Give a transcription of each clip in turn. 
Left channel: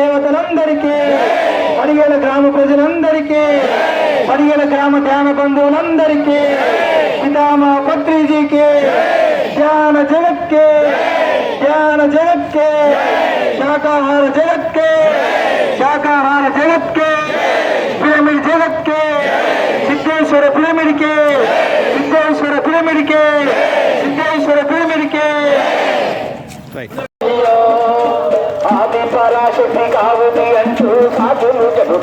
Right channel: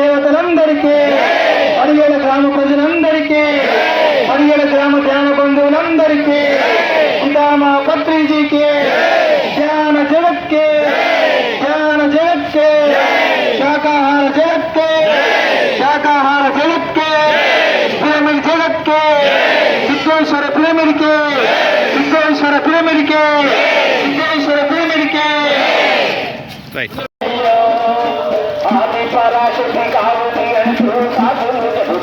దేవతలందరికీ పదిహేను గ్రామ ప్రజలందరికీ పదిహేను గ్రామ ధ్యాన బంధువులందరికీ పితామా పత్రిజీకి ధ్యాన జగత్కే ధ్యాన జగత్కే శాకాహార జగత్కే శాకాహార జగత్కే పిరమిడ్ జగత్కే సిద్ధేశ్వర పిరమిడ్కే సిద్ధేశ్వర పిరమిడ్కే సిద్ధేశ్వర పిరమిడ్కే ఆది पराशक्ति कावती अंशु साधु जब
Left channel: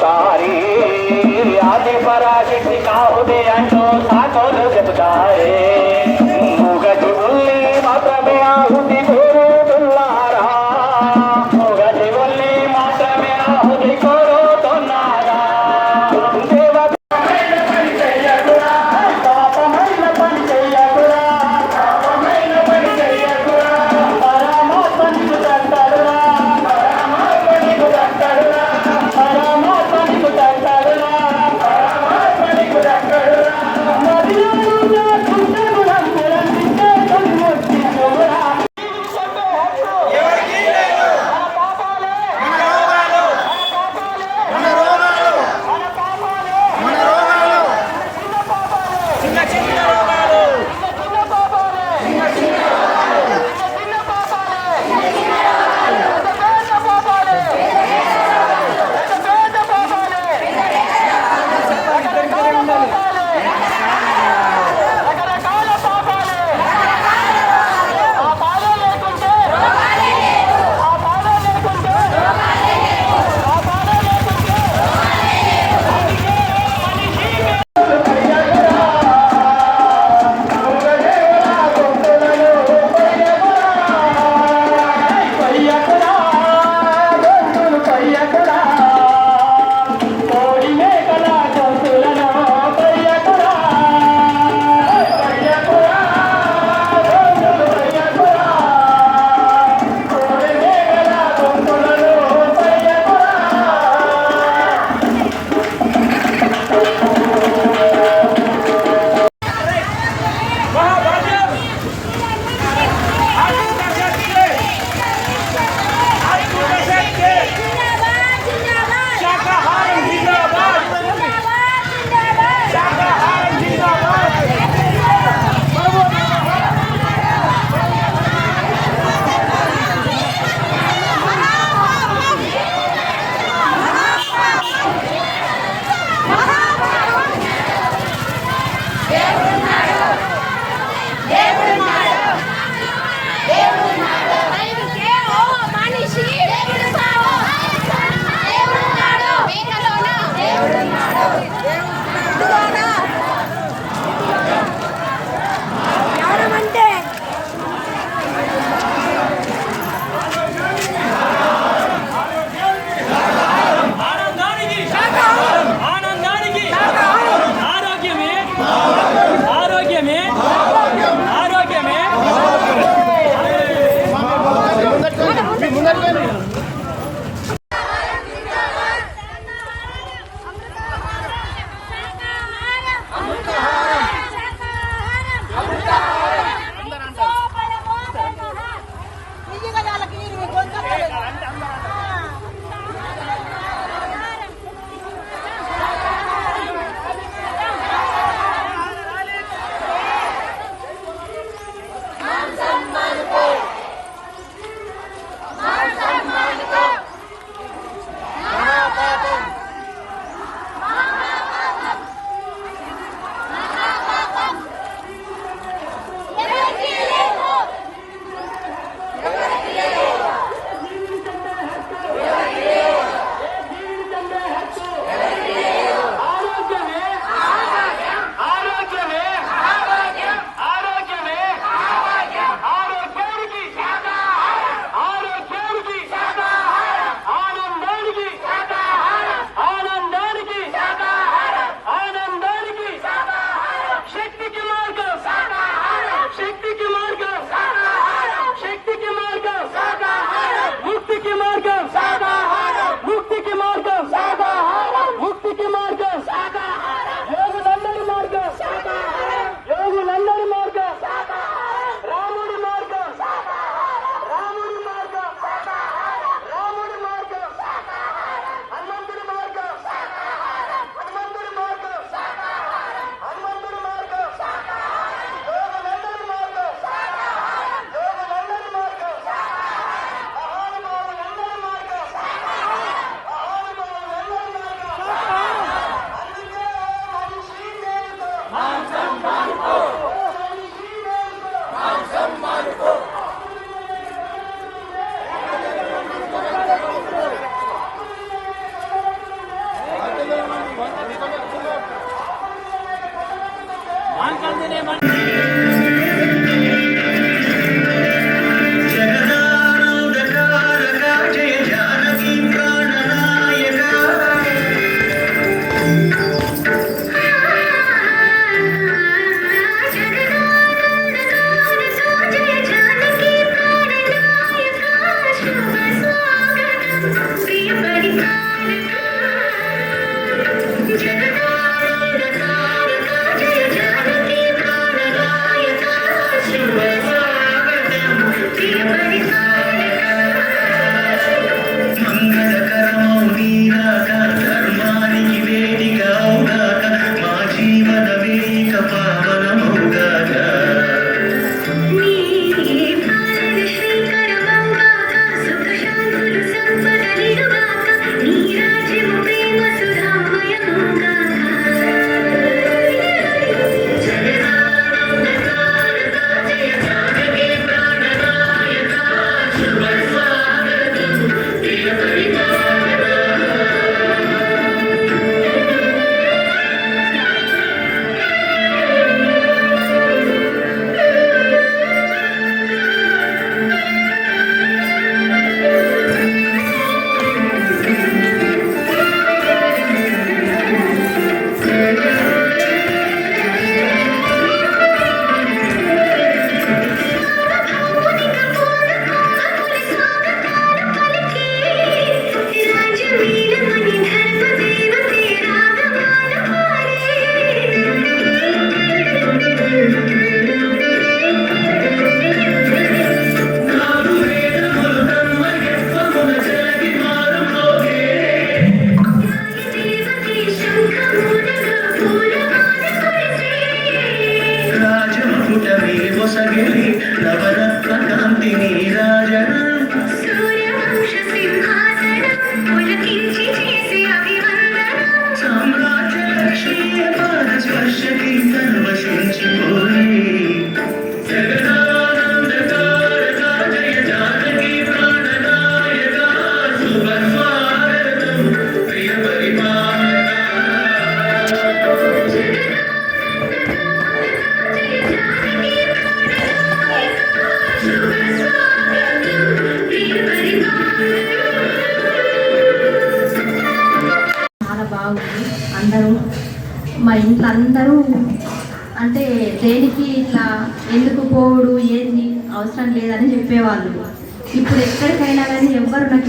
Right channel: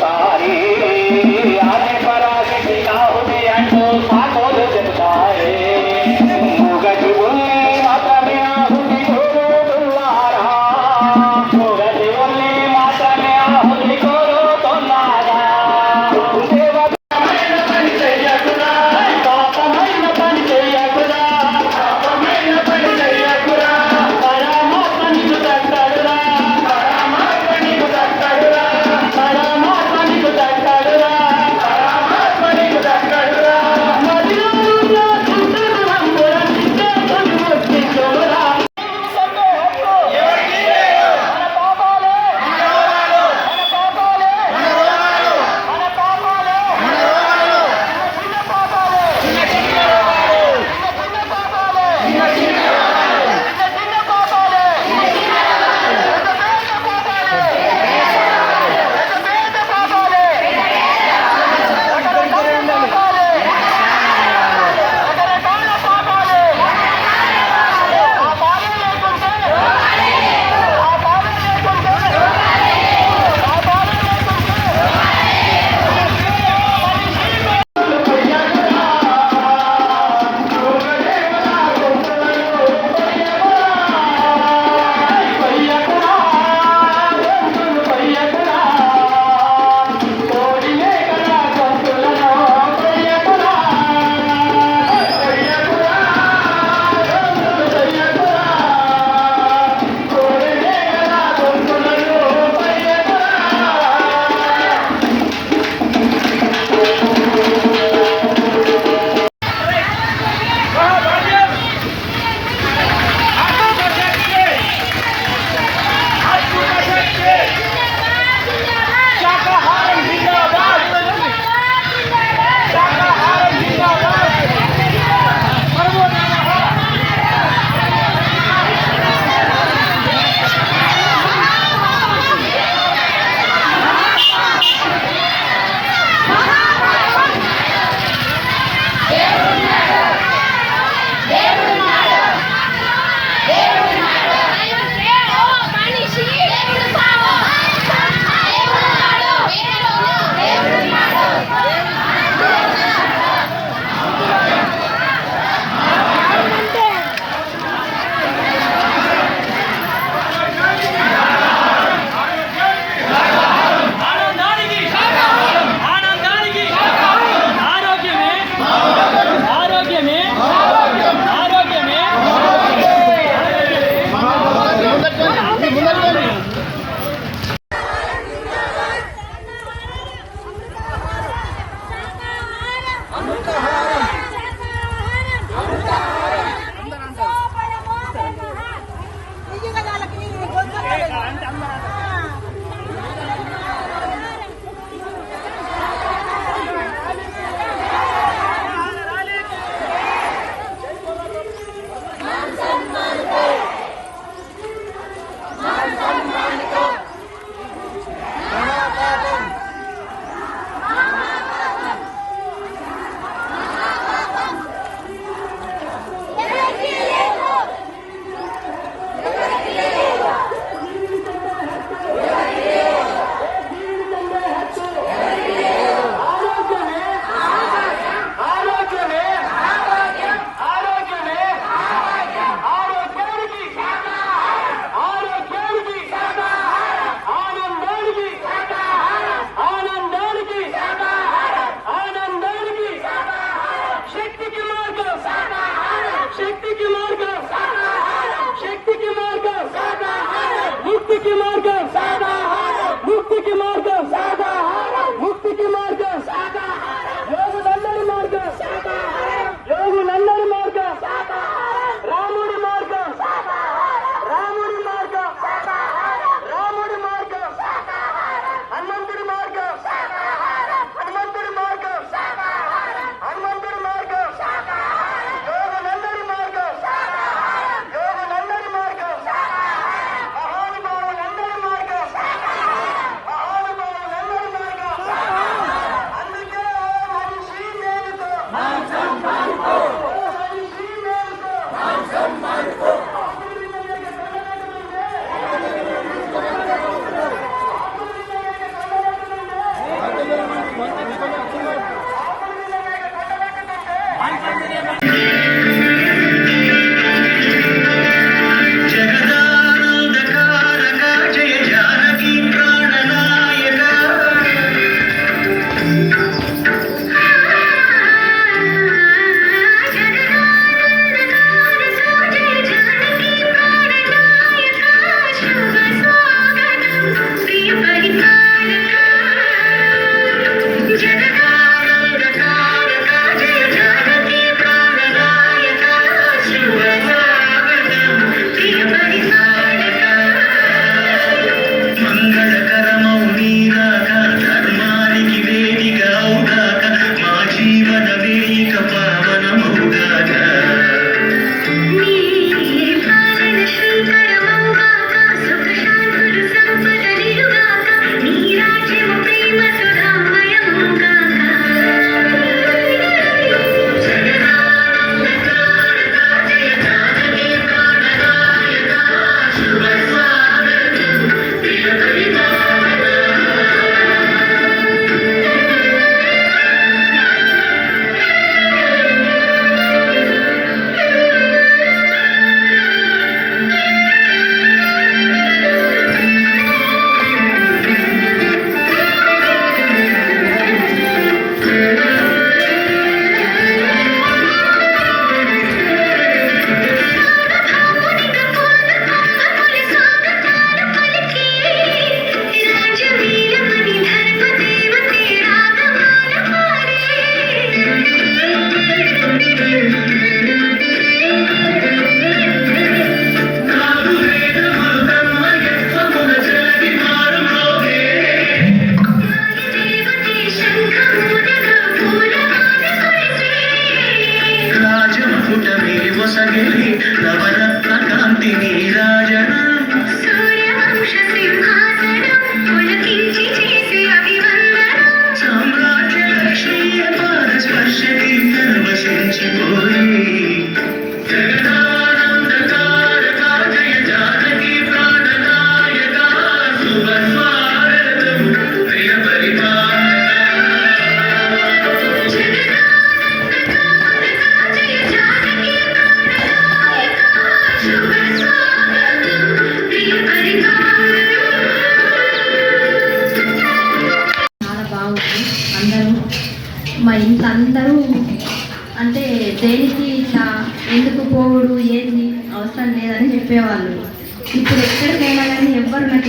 you're 35 and I'm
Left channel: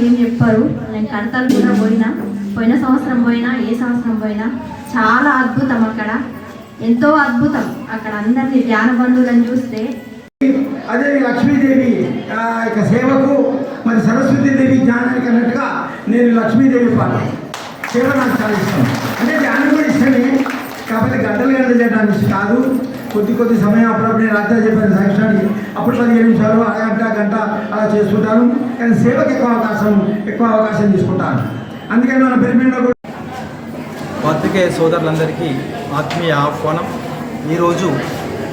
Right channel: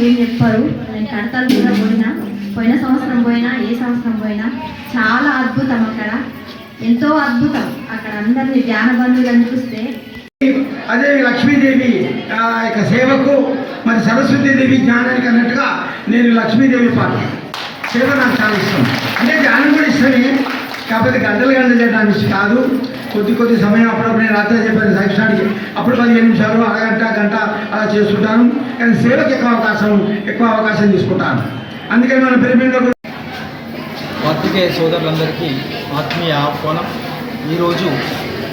ఏం చెప్పారు? నేను కడతాలు కూడా పోయినా. పోయిన సంవత్సరం పోయినా ఏ సంవత్సరం పోయినా చాలా అద్భుతం అక్కడ. ఎంతో అద్భుతం అక్కడ అందరినీ ధ్యాన బంధువులను చూస్తే. అదే లక్ష్మీదేవి యొక్క సేవకు మరి సరస్వతీదేవి జ్ఞానానికి అన్నట్టుగా నేను లక్ష్మీదేవి పాట సేవ నాకు చాలా ఇష్టం. అంటే ధ్యానం కూడా ఇష్టమే కాకపోతే గడ్డలు గడ్డలు చేయడానికి కాదు. కొద్ది కొద్ది సమయం అప్పుడప్పుడు నేను రాత్రి చెప్పాను సాక్షానికి అప్పుడు పదిహేను నిమిషాలు అరగంట గంట అలా చేసుకుంటాను కానీ సేవకి ఎక్కువ అవకాశం ఎక్కువ అవకాశం తీసుకుంటాను. అందుకని మన పిరమిడ్లో పత్రికేయ సోదరులందరికీ ఆత్మీయ ఆహ్వానం. ఈరోజు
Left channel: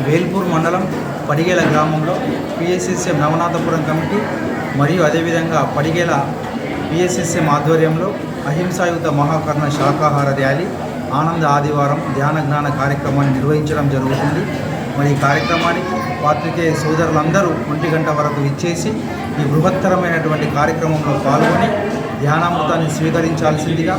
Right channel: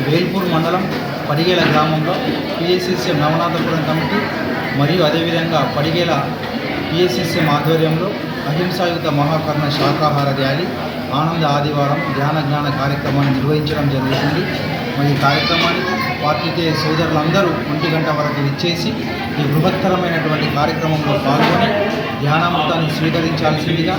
వేల్పూర్ మండలం పడిగేల గ్రామంలో పిఎస్ఎస్ఎం నవనాథపురం కమిటీ మరియు అదేవిధంగా పడిగేల పిఎస్ఎస్ఎం ఆధ్వర్యంలో అహింసాయుత మహాకర్ణ శాకాహార ర్యాలీ ఆనంద ఆదివారం ధ్యాన జ్ఞాన కార్యక్రమాన్ని నిర్వహించడం జరుగుతుంది. మరి ఈ కార్యక్రమానికి పాత్రికేయ సోదరులందరూ ఒంటి గంట వరకు ఇచ్చేసి ఈ బృహత్తరమైనటువంటి కార్యక్రమంలో పాల్గొని ధ్యానామృతాన్ని స్వీకరించాల్సిందిగా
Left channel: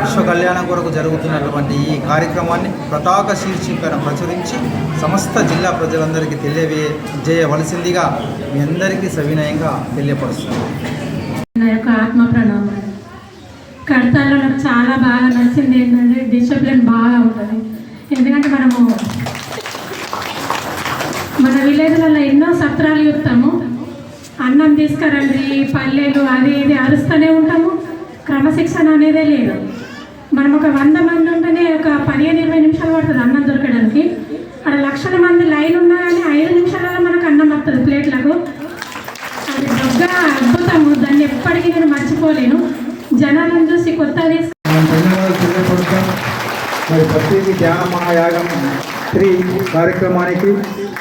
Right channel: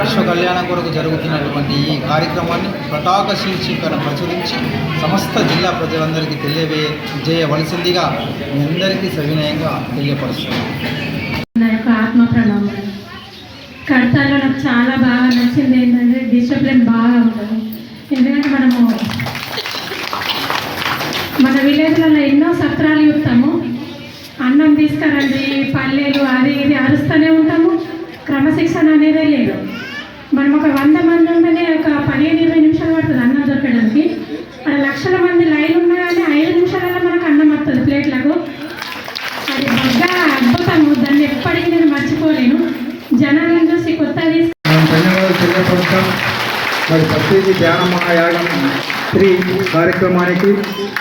విశ్వ కళ్యాణం కొరకు జరుగుతున్నటువంటి ఈ కార్యక్రమాన్ని పతాక శీర్షికను ప్రచురించి సమస్త జిల్లా ప్రజలందరికీ తెలియజేయవలసిందిగా మీ అందరికీ సవినయంగా తెలియపరుస్తున్నాను. ఆత్మ ప్రణామం కడతాలో నాకు చాలా బాగా నచ్చింది మన విలేజ్లలో ఎన్నో సత్రాలు చూస్తాము. అన్నం తీసుకురండి పల్లెలు అది ఇది అరుస్తూనే ఉంటాము. క్రమశిక్షణ అనేదే లేదు. మనం ఒక వంద మంది ఉంటేనే ఒక పదిహేను ఇరవై నిమిషాలు పడుతుంది అన్నం దొరకడానికి. అక్కడ లక్షల మంది లైన్ ఉన్నా కానీ ఐదు నిమిషాలలో మనకు అన్నం వస్తుంది ప్లేట్లకు. అది బాగా అద్భుతము. దాన్ని ఎప్పటికీ నేను మర్చిపోలేను. జనాలను చూసి కొత్త మనం మరి ప్రతిదీ ధ్యాన మహాయాగం త్రీ కార్యక్రమానికి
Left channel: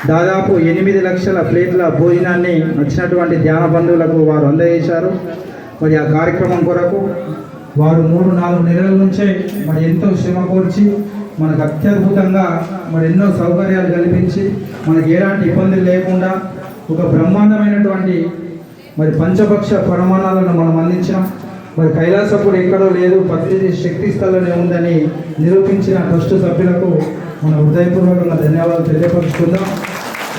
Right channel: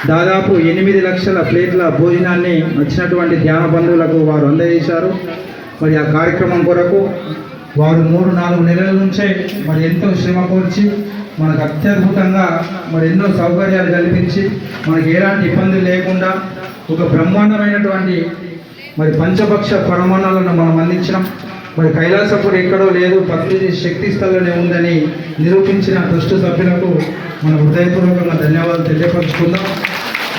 దాదాపు ఎనిమిది లక్షల ప్లేట్ల భోజనాన్ని వచ్చినటువంటి ధ్యాన బంధువులకు వారు అందజేశారు. మరి ఆ కార్యక్రమం కొరకు వారు మూడు నాలుగు నెలల నుంచే మరి ఎంతో శ్రమ కోర్చి మనకు అత్యద్భుతంగా మరి ఎన్నో సౌకర్యాలు కల్పించి మనకి ఎలాంటి ఇబ్బందులు లేకుండా ఒక బ్రహ్మాండమైనటువంటి మరి పంచపక్ష ప్రమాణాలను మనం అందించడం మరి కైలాసపురం ఎక్కడో లేదు భక్తి శక్తి స్థలంలో ఉందని నిరూపించిన ట్రస్ట్ సభ్యులకు మన హృదయపూర్వకంగా ధన్యవాదాలు తెలియపరచుకుందాం.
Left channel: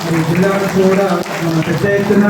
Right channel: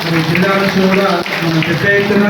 మరి జిల్లా కూడా మనం పెద్ద ఎత్తున